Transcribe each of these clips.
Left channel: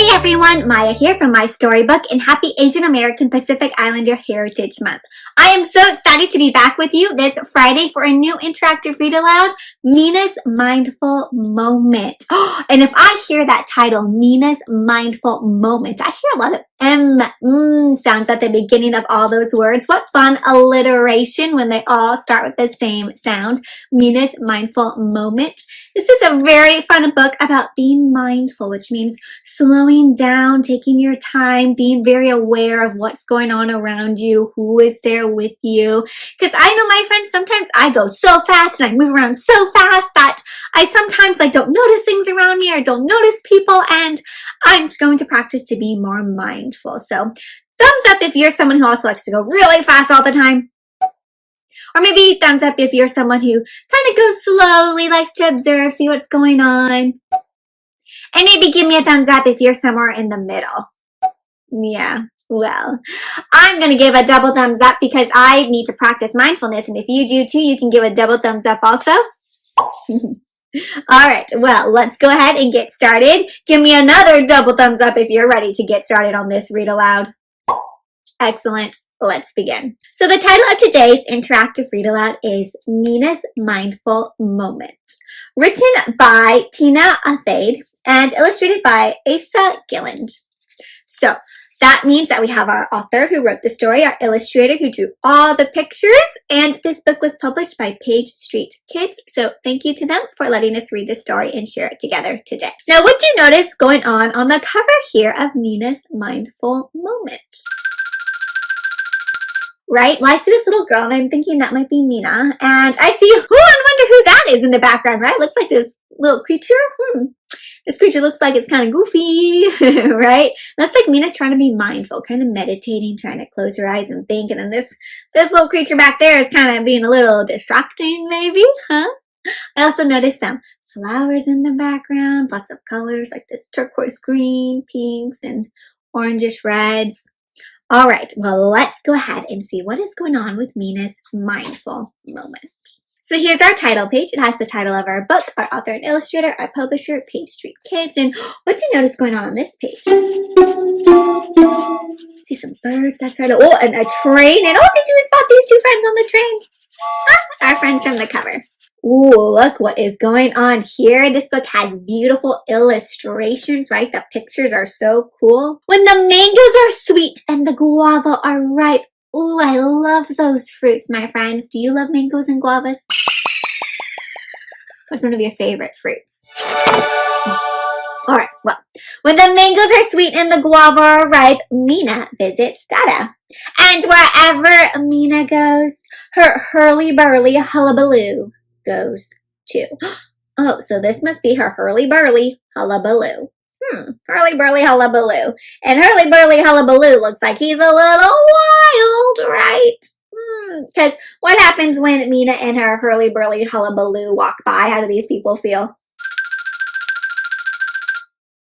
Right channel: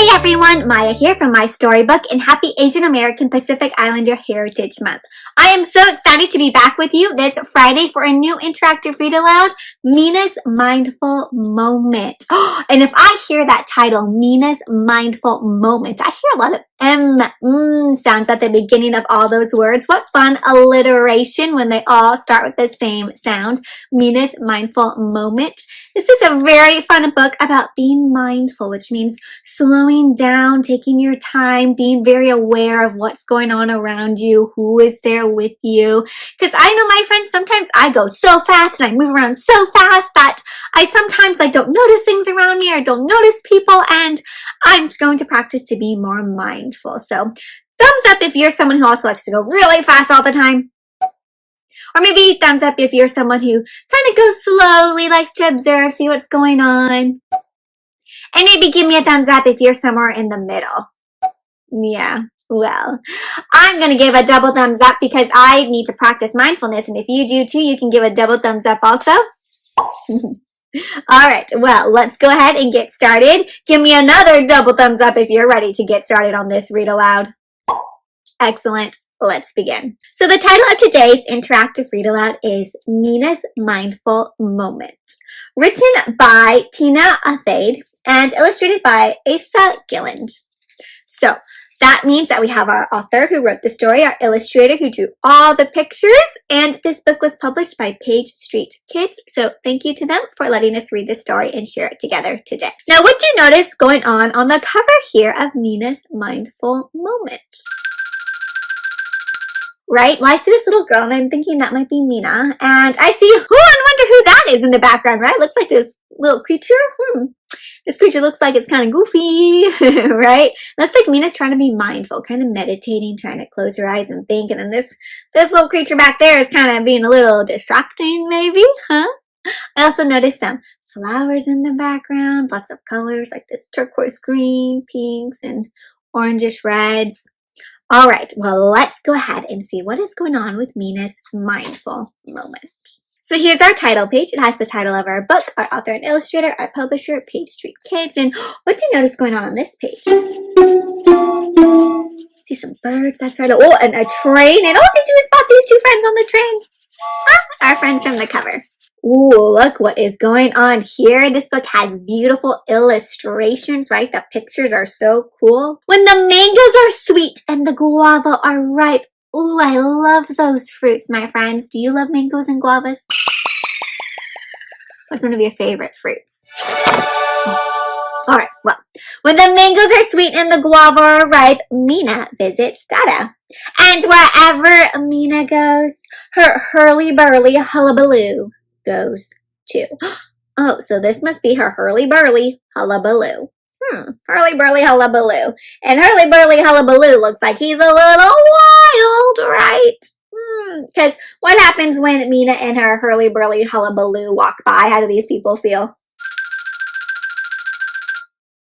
Hey everyone, Maya here from MaiStoryBook and happy Asian American Pacific Islander Heritage Month. I am so excited to be back with you this Friday for a new interactive read aloud, Meena's Mindful Moment. And if I hear that title, Meena's Mindful Moment, I hear a lot of sounds at the beginning of all those words. What fun alliteration when they all start with the same sound. Meena's Mindful Moment. This is a very fun book about being mindful, which means slowing down, taking your time, being very aware of what's going on around you, who is there with you. Because I know, my friends, sometimes I go so fast and I move around so fast that I sometimes don't notice things around me or don't notice people, and I'm going to practice to be more mindful. So thumbs up if you're someone who also likes to go really fast all the time. Or maybe thumbs up if you're someone who kind of goes slowly, likes to observe, see what's going on. And maybe give me a thumbs up if you're somewhere in the middle. Yeah, well, I'm going to give a double thumbs up because I need to practice mindfulness. And if you do too, you can give a double thumbs up also. All right, well, let's go ahead and get started. Give me another double thumbs up if you're ready to get started on this read aloud. Excellent. Let's begin. So the title of today's interactive read aloud is Meena's Mindful Moment, written by Athaide and illustrated by Asa Gilland. So that means that we have our author who wrote the story, our illustrator who drew all the pictures, and this book was published by Page Street Kids. So thank you to them for letting us read the story and share it together today. Now, what do you notice going on the cover here of Meena's Mindful Moment? Right? Well, I see this little girl and I'm thinking that might be Meena. And I see, I wonder who that is in the background, right? Looks like this little creature. This creature looks like it's kind of goofy, right? Looks like Meena's trying to be mindful, kind of meditating, trying to close her eyes and think. And then this little creature back there is kind of being a little distracting, maybe, huh? I also noticed some flowers in the background, lots of colors like this turquoise green, pinks, and orangish reds. All right, well, let's go ahead and see what is going on with Meena's Mindful Moment. So here's our title page. It has the title of our book, our author and illustrator, our publisher, Page Street Kids. And what do you notice going on this page? See some birds, that's right. Oh, and a train. And did you spot these two friends on the train? Our friends from the cover. Ooh, look what is going on here. This book has beautiful illustrations, right? The pictures are so cool. When the mangoes are sweet and the guava are ripe. Ooh, I love those fruits, my friends. Do you love mangoes and guavas? What's one of your favorite fruits? All right, well, when the mangoes are sweet and the guava are ripe, Meena visits Dada. And wherever Meena goes, her hurly-burly hullabaloo goes too. Oh, so this must be her hurly-burly hullabaloo. Hurly-burly hullabaloo. And hurly-burly hullabaloo looks like he's a little wild, right? Because what happens when Meena and her hurly-burly hullabaloo walk by? How do these people feel?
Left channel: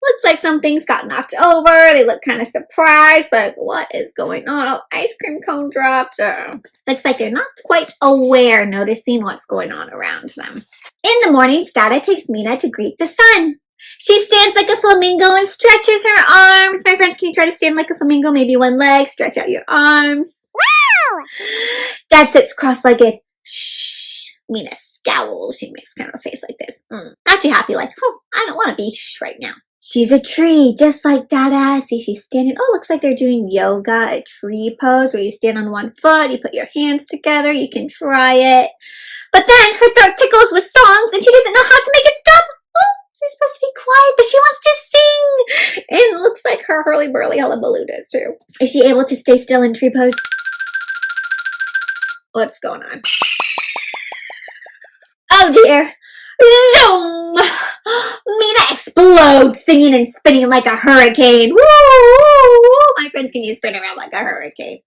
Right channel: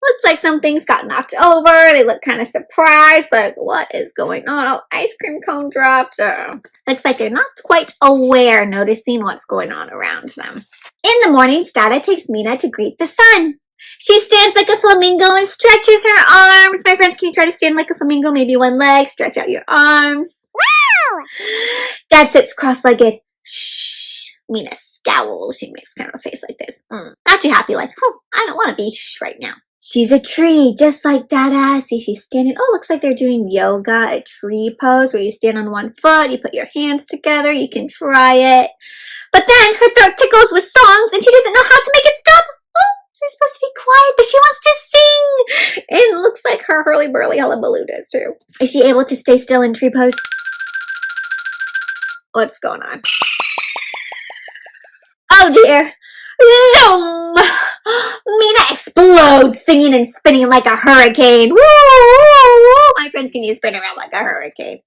Looks like some things got knocked over. They look kind of surprised, like, what is going on? Oh, ice cream cone dropped. Looks like they're not quite aware, noticing what's going on around them. In the morning, Dada takes Meena to greet the sun. She stands like a flamingo and stretches her arms. My friends, can you try to stand like a flamingo? Maybe one leg, stretch out your arms. Wow! Dad sits cross-legged. Shh. Meena scowls. She makes kind of a face like this. Not too happy, like, I don't want to be shh right now. She's a tree, just like Dada. See, she's standing. Oh, looks like they're doing yoga, a tree pose where you stand on one foot, you put your hands together, you can try it. But then her throat tickles with songs and she doesn't know how to make it stop. Oh, she's supposed to be quiet, but she wants to sing. And it looks like her hurly-burly hullabaloo does too. Is she able to stay still in tree pose? What's going on? Oh dear. Zoom! Meena explodes, singing and spinning like a hurricane. Woo, woo, woo. My friends, can you spin around like a hurricane?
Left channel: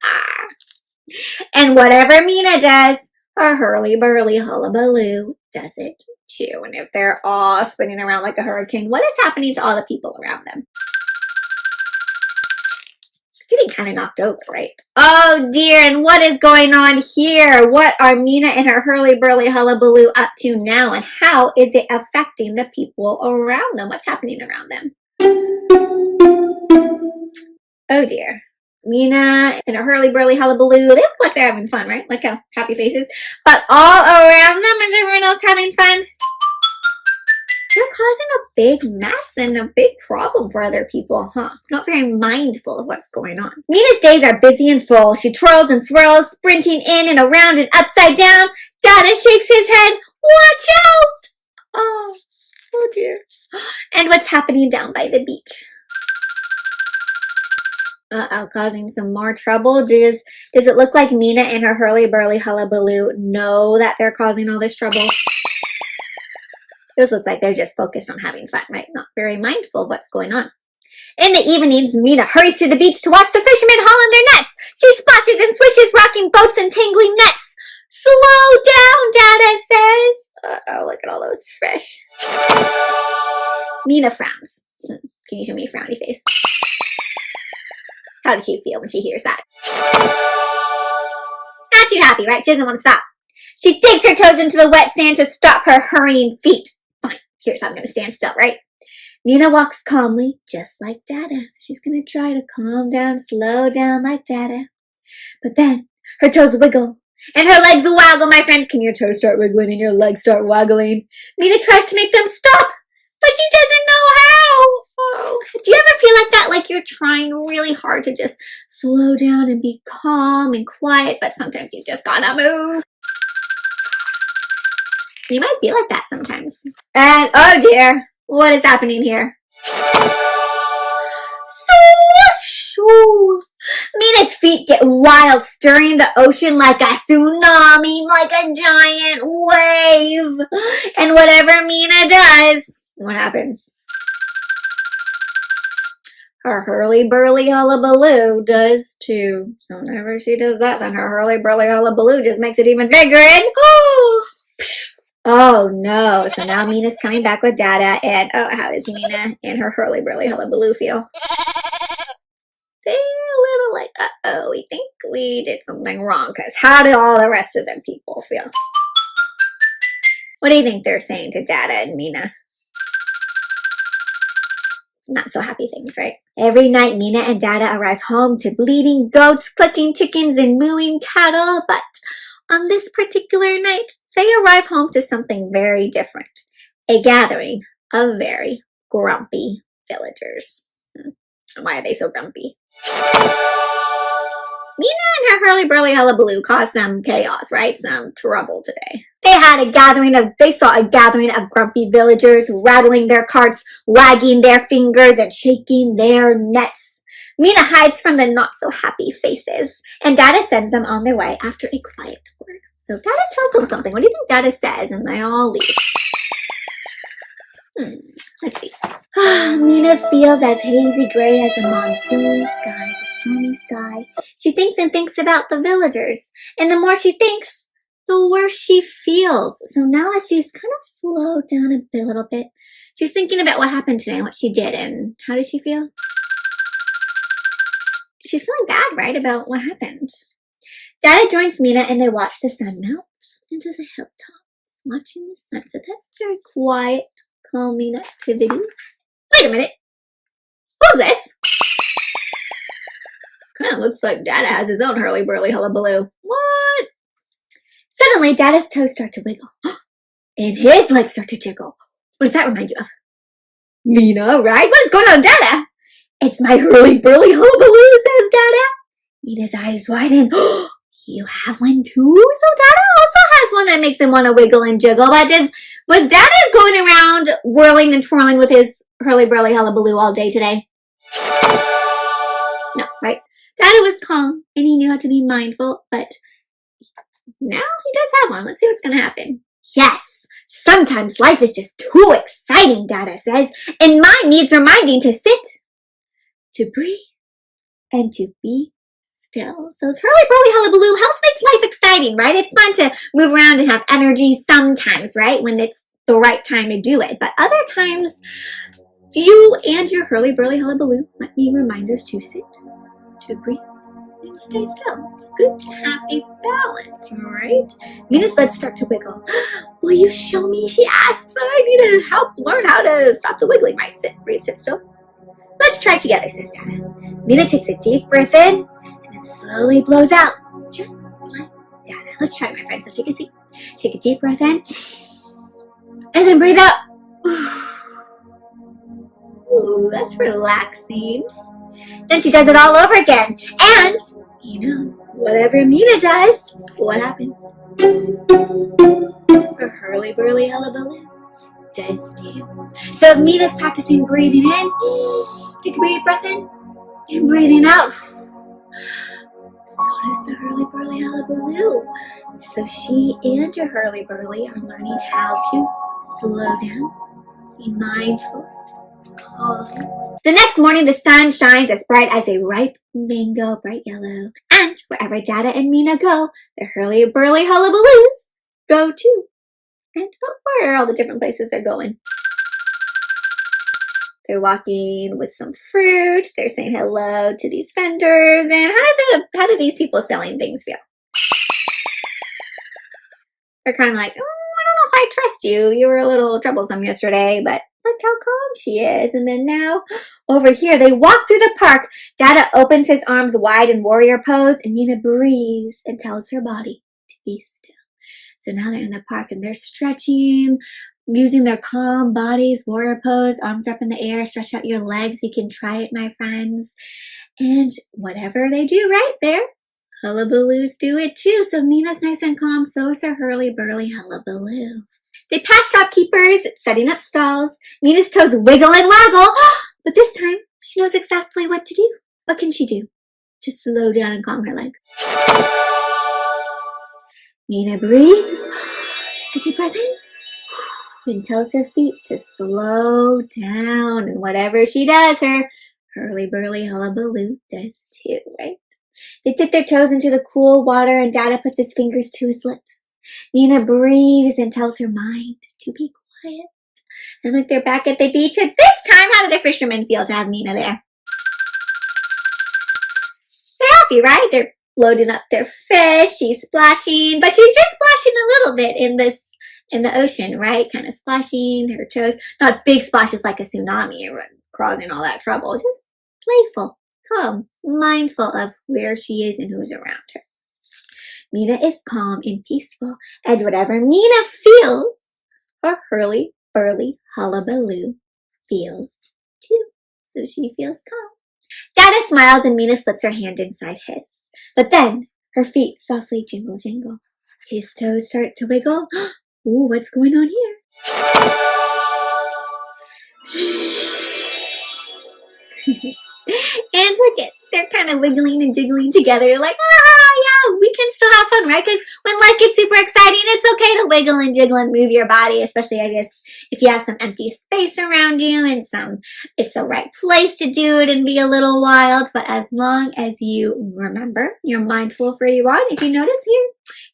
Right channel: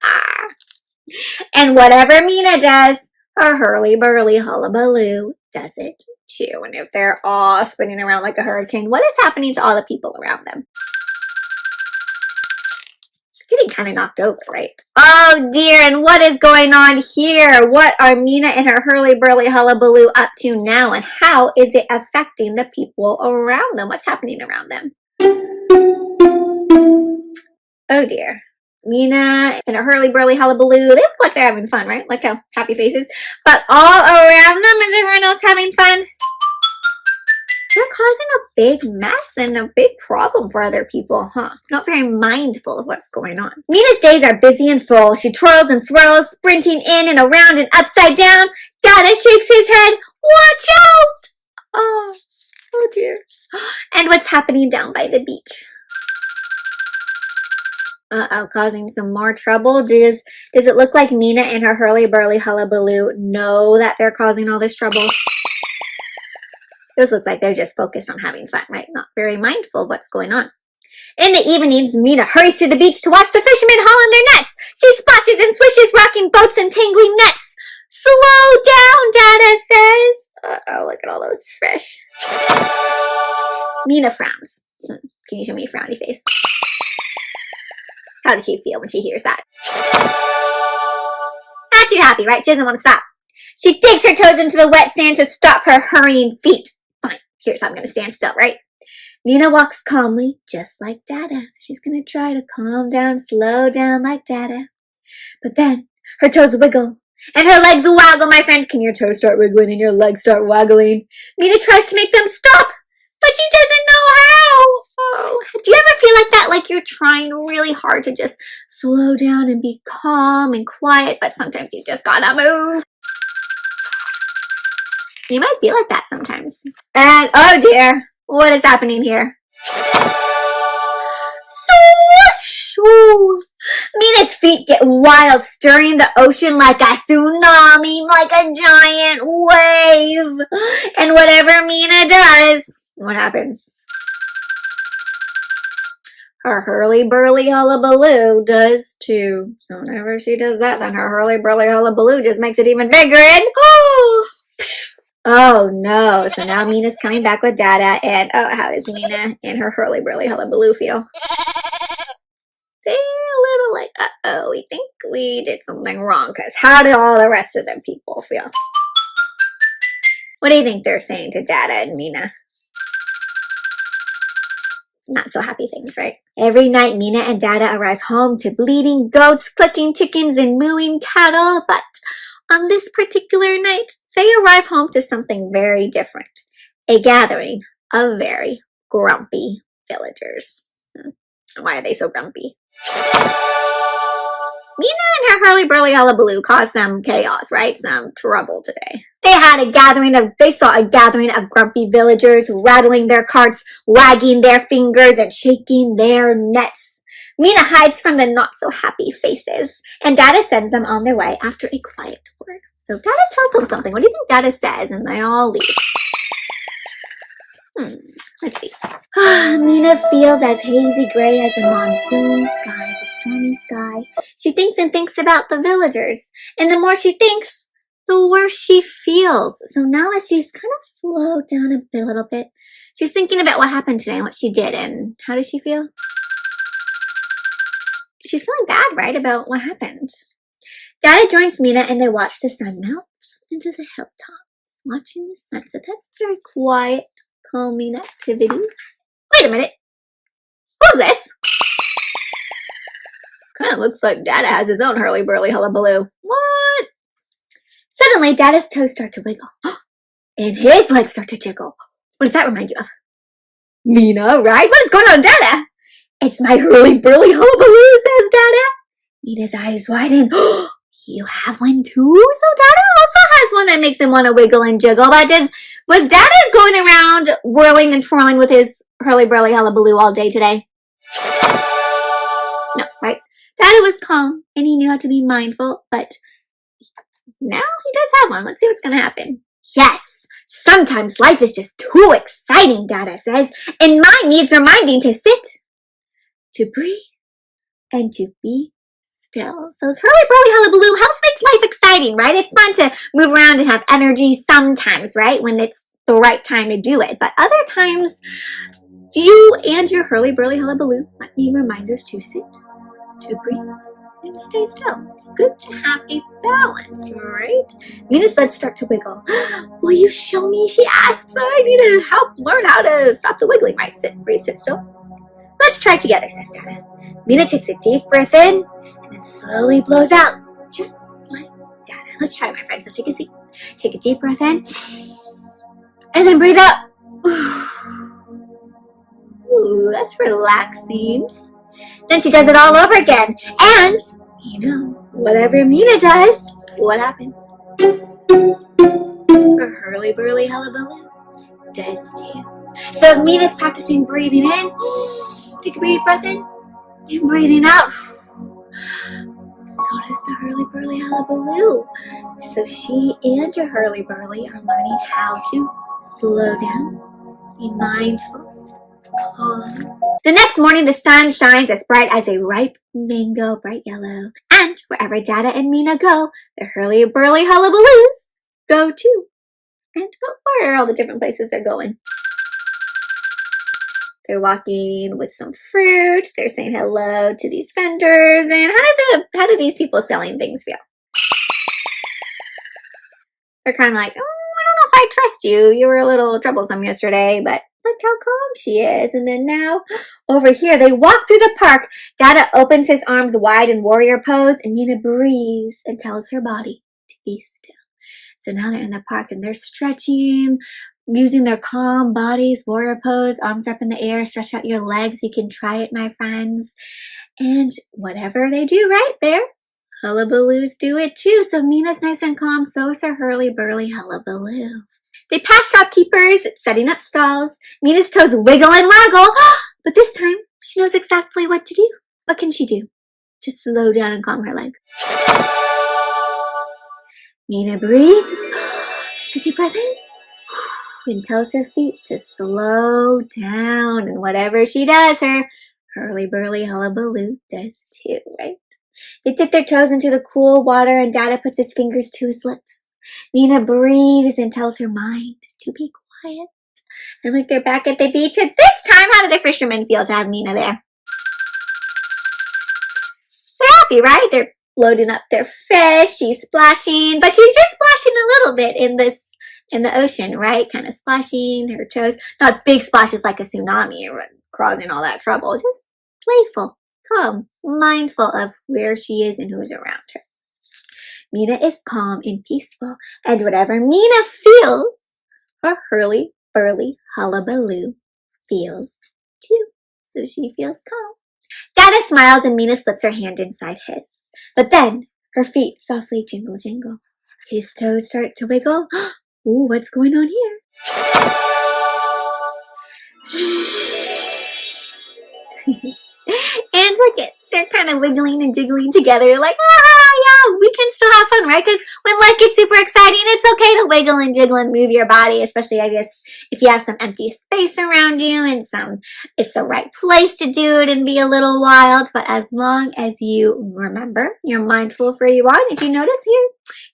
And whatever Meena does, her hurly-burly hullabaloo does it too. And if they're all spinning around like a hurricane, what is happening to all the people around them? Getting kind of knocked over, right? Oh dear, and what is going on here? What are Meena and her hurly-burly hullabaloo up to now, and how is it affecting the people around them? What's happening around them? Oh dear. Meena and a hurly-burly hullabaloo. They look like they're having fun, right? Like happy faces. But all around them is everyone else having fun. They're causing a big mess and a big problem for other people, huh? Not very mindful of what's going on. Meena's days are busy and full. She twirls and swirls, sprinting in and around and upside down. Dada shakes his head. Watch out! Oh dear. And what's happening down by the beach? Uh-oh, causing some more trouble. Does it look like Meena and her hurly-burly hullabaloo know that they're causing all this trouble? This looks like they're just focused on having fun, right? Not very mindful of what's going on. In the evenings, Meena hurries to the beach to watch the fishermen haul in their nets. She splashes and swishes, rocking boats and tangling nets. Slow down, Dada says. Uh-oh, look at all those fish. Meena frowns. Can you show me a frowny face? How does she feel when she hears that? Not too happy, right? She doesn't want to stop. She digs her toes into the wet sand to stop her hurrying feet. Fine, here's how I'm going to stand still, right? Meena walks calmly, just like Dada. She's going to try to calm down, slow down like Dada. But then her toes wiggle and her legs waggle, my friends. Can your toes start wiggling and your legs start waggling? Meena tries to make them stop, but she doesn't know how. Oh, do you ever feel like that? Like you're trying really hard to just slow down and be calm and quiet, but sometimes you just gotta move. You might feel like that sometimes. And oh dear, what is happening here? Swoosh! Meena's feet get wild, stirring the ocean like a tsunami, like a giant wave. And whatever Meena does, what happens? Her hurly-burly hullabaloo does too. So whenever she does that, then her hurly-burly hullabaloo just makes it even bigger and oh no. So now Meena's coming back with Dada, and oh, how does Meena and her hurly-burly hullabaloo feel? They're a little like, uh-oh, we think we did something wrong, because how do all the rest of the people feel? What do you think they're saying to Dada and Meena? Not so happy things, right? Every night, Meena and Dada arrive home to bleating goats, clucking chickens, and mooing cattle, but on this particular night, they arrive home to something very different. A gathering of very grumpy villagers. Why are they so grumpy? Meena and her hurly-burly hullabaloo caused some chaos, right? Some trouble today. They saw a gathering of grumpy villagers rattling their carts, wagging their fingers, and shaking their nets. Meena hides from the not-so-happy faces, and Dada sends them on their way after a quiet word. So Dada tells them something. What do you think Dada says? And they all leave. Let's see. Meena feels as hazy gray as a monsoon sky, as a stormy sky. She thinks and thinks about the villagers, and the more she thinks, the worse she feels. So now that she's kind of slowed down a little bit, she's thinking about what happened today and what she did, and how does she feel? She's feeling bad, right, about what happened. Dada joins Meena, and they watch the sun melt into the hilltops, watching the sunset. That's very quiet, calming activity. Wait a minute. Who's this? Kind of looks like Dada has his own hurly-burly hullabaloo. What? Suddenly, Dada's toes start to wiggle. And his legs start to jiggle. What does that remind you of? Meena, right? What is going on, Dada? It's my hurly-burly hullabaloo, says Dada. Meena's eyes widen. You have one too? So Dada also has one that makes him want to wiggle and jiggle. But was Dada going around whirling and twirling with his hurly-burly hullabaloo all day today? No, right? Dada was calm, and he knew how to be mindful, but now he does have one. Let's see what's going to happen. Yes, sometimes life is just too exciting, Dada says, and mine needs reminding to sit, to breathe, and to be still. So it's hurly-burly hullabaloo helps make life exciting, right? It's fun to move around and have energy sometimes, right? When it's the right time to do it. But other times, you and your hurly-burly hullabaloo might need reminders to sit, to breathe, and stay still. It's good to have a balance, right? Meena's legs start to wiggle. Will you show me? She asks. I need to help learn how to stop the wiggling, right? Sit, breathe, sit still. Let's try together, says Dada. Meena takes a deep breath in and then slowly blows out, just like Dada. Let's try it, my friend. So take a seat. Take a deep breath in and then breathe out. Ooh, that's relaxing. Then she does it all over again. And, whatever Meena does, what happens? Her hurly-burly hullabaloo does too. So if Meena's practicing breathing in, take a deep breath in, and breathing out, so does the hurly-burly hullabaloo. So she and her hurly-burly are learning how to slow down, be mindful, calm. The next morning, the sun shines as bright as a ripe mango, bright yellow. And wherever Dada and Meena go, the hurly-burly hullabaloos go too. And where are all the different places they're going? They're walking with some fruit. They're saying hello to these vendors. And how do these people selling things feel? They're kind of like, oh, I don't know if I trust you. You were a little troublesome yesterday, but look how calm she is. And then now, over here, they walk through the park. Dada opens his arms wide in warrior pose, and Meena breathes and tells her body to be still. So now they're in the park, and they're stretching, using their calm bodies, warrior pose, arms up in the air, stretch out your legs. You can try it, my friends. And whatever they do right there, hullabaloos do it too. So Meena's nice and calm, so is her hurly-burly hullabaloo. They pass shopkeepers setting up stalls. Meena's toes wiggle and waggle, but this time she knows exactly what to do. What can she do? Just slow down and calm her legs. Meena breathes, take a deep breath in, and tells her feet to slow down. And whatever she does, her hurly-burly hullabaloo does too, right? They dip their toes into the cool water, and Dada puts his fingers to his lips. Meena breathes and tells her mind to be quiet. And look, they're back at the beach. At this time, how do the fishermen feel to have Meena there? They're happy, right? They're loading up their fish. She's splashing, but she's just splashing a little bit in the ocean, right? Kind of splashing her toes. Not big splashes like a tsunami or causing all that trouble. Just playful, calm, mindful of where she is and who's around her. Meena is calm and peaceful, and whatever Meena feels, her hurly-burly hullabaloo feels too. So she feels calm. Dada smiles and Meena slips her hand inside his. But then her feet softly jingle jingle. These toes start to wiggle. Ooh, what's going on here? And look at, they're kind of wiggling and jiggling together. You're like, yeah, we can still have fun, right? Because when life gets super exciting, it's okay to wiggle and jiggle and move your body, especially, I guess, if you have some empty space around you and it's the right place to do it and be a little wild. But as long as you remember, you're mindful of where you are. And if you notice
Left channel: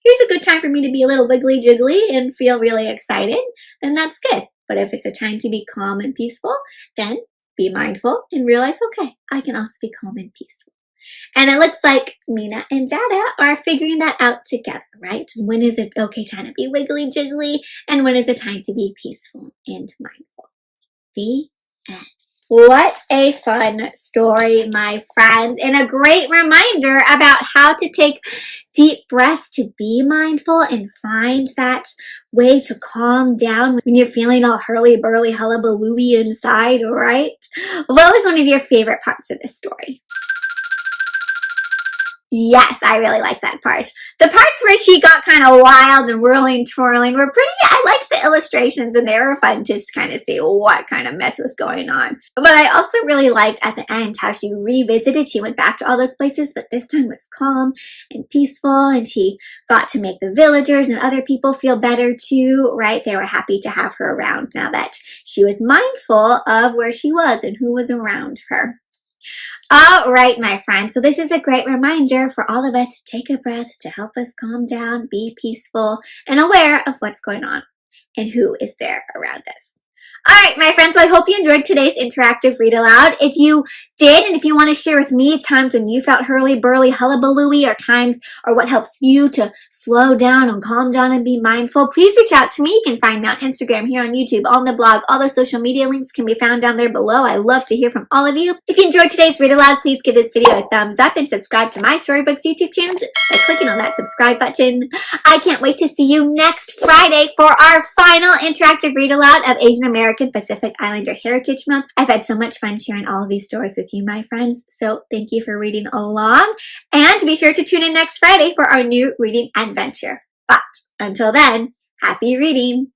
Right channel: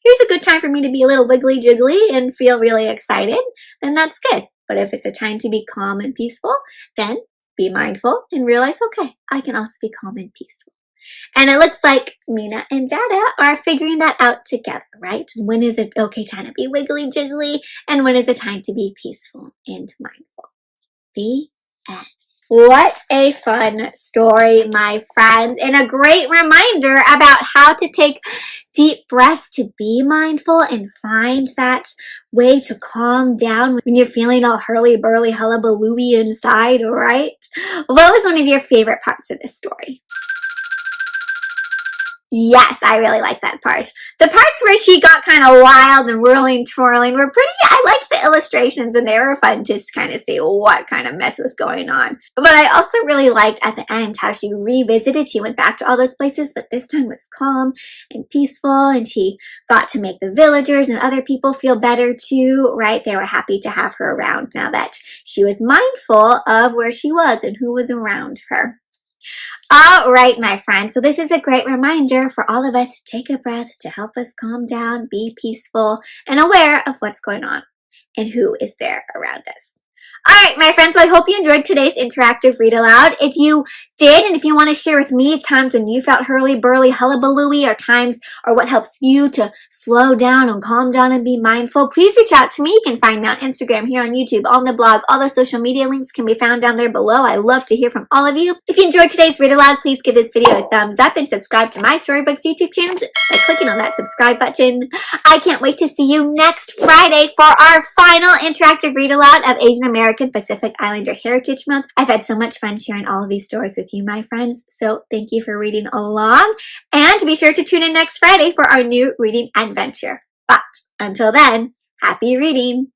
here's a good time for me to be a little wiggly jiggly and feel really excited, then that's good. But if it's a time to be calm and peaceful, then be mindful and realize, okay, I can also be calm and peaceful. And it looks like Meena and Dada are figuring that out together, right? When is it okay time to be wiggly jiggly, and when is it time to be peaceful and mindful? The end. What a fun story, my friends, and a great reminder about how to take deep breaths to be mindful and find that way to calm down when you're feeling all hurly-burly, hullabalooey inside, right? What was one of your favorite parts of this story? Yes, I really like that part. The parts where she got kind of wild and whirling, twirling were pretty, I liked the illustrations and they were fun to kind of see what kind of mess was going on. But I also really liked at the end how she revisited, she went back to all those places, but this time was calm and peaceful, and she got to make the villagers and other people feel better too, right? They were happy to have her around now that she was mindful of where she was and who was around her. All right, my friends, so this is a great reminder for all of us to take a breath to help us calm down, be peaceful, and aware of what's going on and who is there around us. All right, my friends, so I hope you enjoyed today's interactive read aloud. If you did, and if you want to share with me times when you felt hurly-burly, hullabalooey, or times or what helps you to slow down and calm down and be mindful, please reach out to me. You can find me on Instagram, here on YouTube, on the blog. All the social media links can be found down there below. I love to hear from all of you. If you enjoyed today's Read Aloud, please give this video a thumbs up and subscribe to My Storybooks YouTube channel by clicking on that subscribe button. I can't wait to see you next Friday for our final interactive Read Aloud of Asian American Pacific Islander Heritage Month. I've had so much fun sharing all of these stories with you, my friends, so thank you for reading along, and be sure to tune in next Friday for our new reading adventure. But until then, happy reading!